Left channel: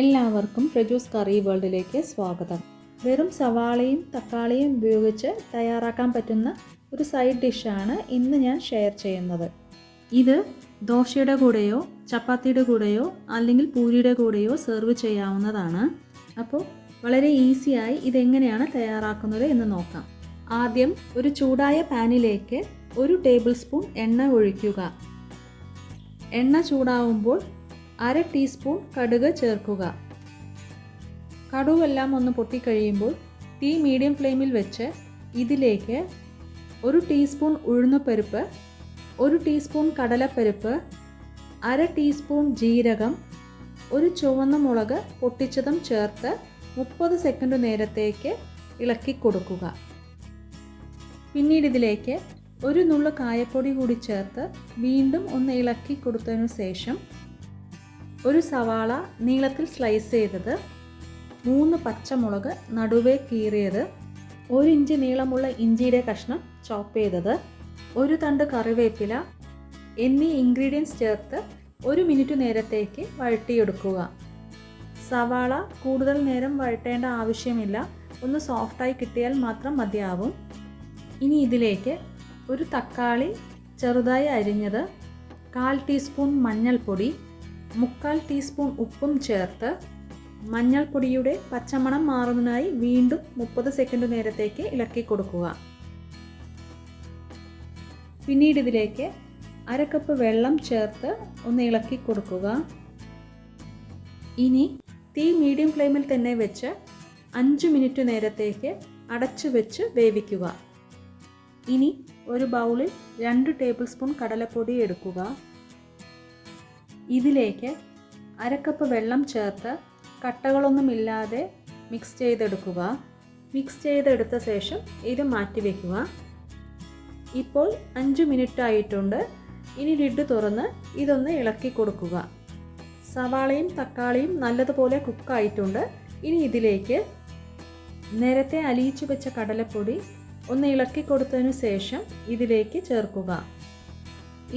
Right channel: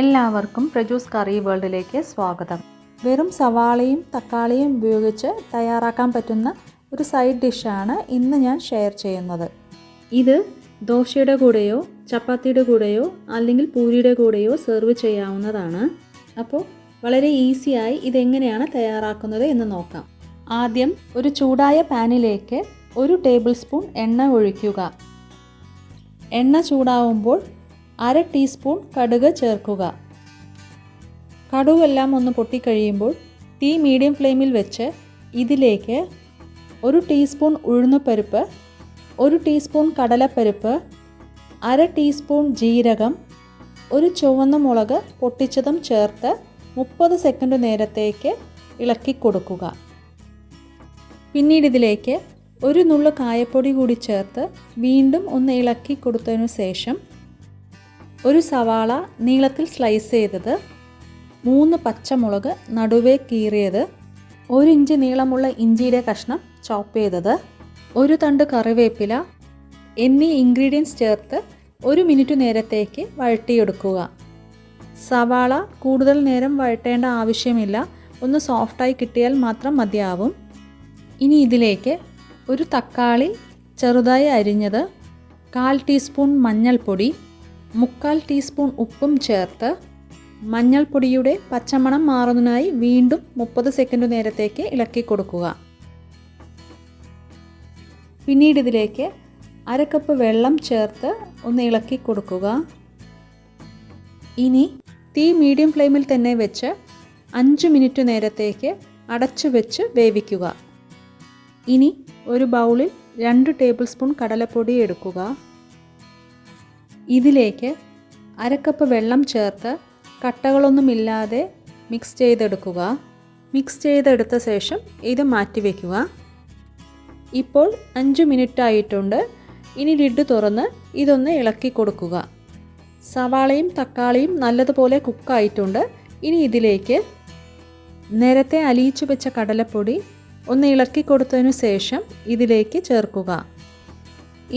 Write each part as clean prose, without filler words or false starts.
എല്ലാവർക്കും പ്രജൂസ് കറി വേൾഡിലേക്ക് സ്വാഗതം. വെറും സവാളയും തക്കാളിയും ഉപയോഗിച്ച് തയ്യാറാക്കാൻ പറ്റുന്ന ഒരു സൈഡ് ഡിഷാണ് ഇന്ന് ഞാൻ ഷെയർ ചെയ്യുന്നത്. ഇത് ദോശയുടെ കൂടെയോ ചപ്പാത്തിയുടെ കൂടെയോ അല്ലെങ്കിൽ പൂരിയുടെ കൂടെയോ സെർവ് ചെയ്യാവുന്നതാണ്. അപ്പോൾ വളരെ ഈസിയായി ഇതെങ്ങനെയാണ് തയ്യാറാക്കുന്നത് എന്ന് നോക്കാം. ആദ്യം ഒരു ചൂടായ പാനിലേക്ക് 1 ടേബിൾ സ്പൂൺ എണ്ണ ഒഴിക്കുക. എണ്ണ ചൂടാവുമ്പോൾ 1/2 ടീസ്പൂൺ കടുക് ചേർക്കുക. കടുകെല്ലാം ഒന്ന് പൊട്ടിക്കഴിയുമ്പോൾ തീ മീഡിയം ഫ്ലെയിമിൽ വെച്ച് ഇതിലേക്ക് 1 ടീസ്പൂൺ ഉഴുന്നുപരിപ്പ്, 1 ടീസ്പൂൺ കടലപ്പരിപ്പ്, 1/2 ടീസ്പൂൺ ജീരകം, 1 ചുവന്ന മുളക് പൊട്ടിച്ചതും ചേർത്ത് 30 സെക്കൻഡ് നേരത്തേക്ക് ഇളക്കി കൊടുക്കുക. പിന്നീട് ഇതിലേക്ക് 1 നുള്ളു കായപ്പൊടി കൂടി ചേർത്ത് വീണ്ടും ഒന്ന് ഇളക്കി കൊടുത്തതിനു ശേഷം 1 സവാള നീളത്തിൽ സ്ലൈസ് ചെയ്തത്, 3 പച്ചമുളക് നടുവേ കീറിയത്, 1 ഇഞ്ച് നീളമുള്ള ഇഞ്ചിയുടെ കഷ്ണം ചോപ്പ് ചെയ്തത്, 1 തണ്ട് കറിവേപ്പില എന്നീ ഇൻഗ്രീഡിയൻസ് ചേർത്ത് 1 മിനിറ്റ് നേരത്തേക്ക് വഴറ്റിയെടുക്കുക. സവാള കൂടുതൽ നേരം വഴറ്റേണ്ട ആവശ്യമില്ല, ഒന്ന് സോഫ്റ്റായി കിട്ടിയാൽ മാത്രം മതിയാവും. ഇനി ഇതിലേക്ക് 1 തക്കാളി ചെറുതായി അരിഞ്ഞത്, 1/4 ടീസ്പൂൺ മഞ്ഞൾപ്പൊടി, 1/4 ടീസ്പൂൺ ഉപ്പും ചേർത്ത് മഞ്ഞൾപ്പൊടിയുടെ പച്ചമണം മാറുന്നതിനായി വീണ്ടും 30 സെക്കൻഡ് നേരത്തേക്ക് ഇളക്കി കൊടുക്കുക. പിന്നീട് ഇതിലേക്ക് 1/2 കപ്പ് വെള്ളം ചേർത്ത് ഒന്ന് ഇളക്കി കൊടുക്കുക. ഇനി തീ മീഡിയം ഫ്ലെയിമിൽ തന്നെ വെച്ച് 5 മിനിറ്റ് നേരത്തേക്ക് അടച്ചു വെച്ച് വേവിക്കുക. ഇനി ഒരു ബൗളിൽ 2 ടേബിൾ സ്പൂൺ കടലപ്പൊടി എടുക്കുക. ഇതിലേക്ക് 1/2 കപ്പ് വെള്ളം ചേർത്ത് കട്ടകളൊന്നുമില്ലാതെ മിക്സ് ചെയ്തെടുക്കുക. മിക്സ് ചെയ്തെടുത്ത ശേഷം ഇത് മാറ്റിവെക്കുക. ഇപ്പോൾ 5 മിനിറ്റ് ആയിട്ടുണ്ട്. ഇനി ലിഡ് തുറന്ന് ഇതൊന്ന് ഇളക്കി കൊടുക്കുക. സവാളയും തക്കാളിയും നല്ലതുപോലെ കുക്കായിട്ടുണ്ട്. ഇനി ഇതിലേക്ക് നേരത്തെ അലിയിച്ചു വെച്ച കടലപ്പൊടി ഒന്ന് ഇളക്കി കൊടുത്തതിനു ശേഷം ഇതിലേക്ക് ചേർക്കുക.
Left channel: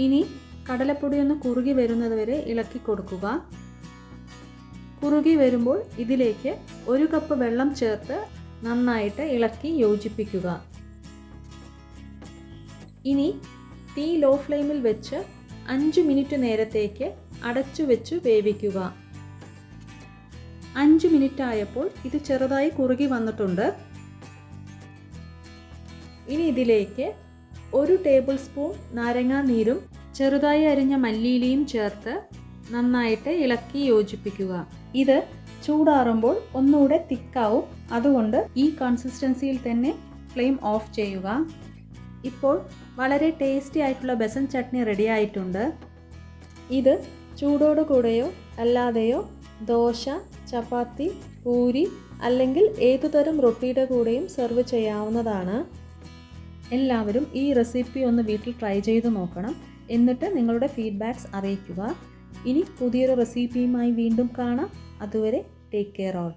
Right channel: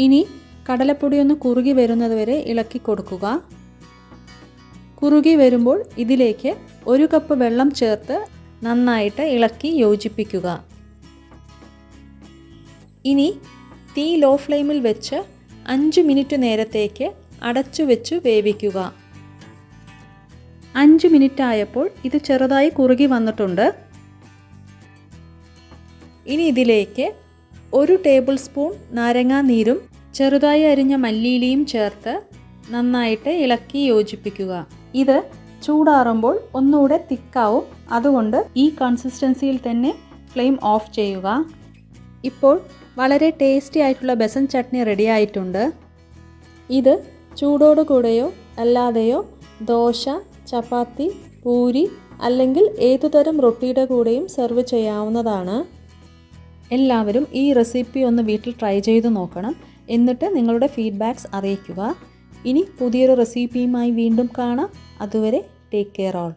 ഇനി കടലപ്പൊടി ഒന്ന് കുറുകി വരുന്നത് വരെ ഇളക്കി കൊടുക്കുക. കുറുകി വരുമ്പോൾ ഇതിലേക്ക് 1 കപ്പ് വെള്ളം ചേർത്ത് നന്നായിട്ട് ഇളക്കി യോജിപ്പിക്കുക. ഇനി തീ ലോ ഫ്ലെയിമിൽ വെച്ച് 5 മിനിറ്റ് നേരത്തേക്ക് അടച്ചു വെച്ച് വേവിക്കുക. 5 മിനിറ്റ് ആയപ്പോൾ ഇത് ചെറുതായി കുറുകി വന്നിട്ടുണ്ട്. ഇനി ഇതിലേക്ക് 1 ടേബിൾ സ്പൂൺ നാരങ്ങാ നീരും ചെറുതായി അരിഞ്ഞ മല്ലിയിലയും ചേർത്ത് നന്നായിട്ട് ഇളക്കി യോജിപ്പിക്കുക. ഇത് ചൂടാറുമ്പോൾ ഒന്നുകൂടെ തിക്കാവും. അതുകൊണ്ട് ഈ കൺസിസ്റ്റൻസിയിൽ തന്നെ ഫ്ലെയിം ഓഫ് ചെയ്യുക. ഇപ്പോൾ വളരെ ടേസ്റ്റി ആയിട്ടുള്ള ബെസൻ ചട്നി റെഡി ആയിട്ടുണ്ട്. ഇത് ചൂടോടുകൂടെയോ അല്ലാതെയോ ദോശ, ചപ്പാത്തി, പൂരി അല്ലെങ്കിൽ ഏതുതരം റൊട്ടിയുടെ കൂടെയും സെർവ് ചെയ്യാവുന്നതാണ്. എല്ലാവരും ഈ റെസിപ്പി ഒന്ന് വീട്ടിൽ ട്രൈ ചെയ്ത് നോക്കണം. എന്നിട്ട് നിങ്ങളുടെ ഫീഡ്ബാക്ക്സ് അറിയിക്കുക. ഇനി പുതിയൊരു റെസിപ്പിയുമായി വീണ്ടും കാണാം. അതുവരെ ടേക്ക് കെയർ ഓൾ.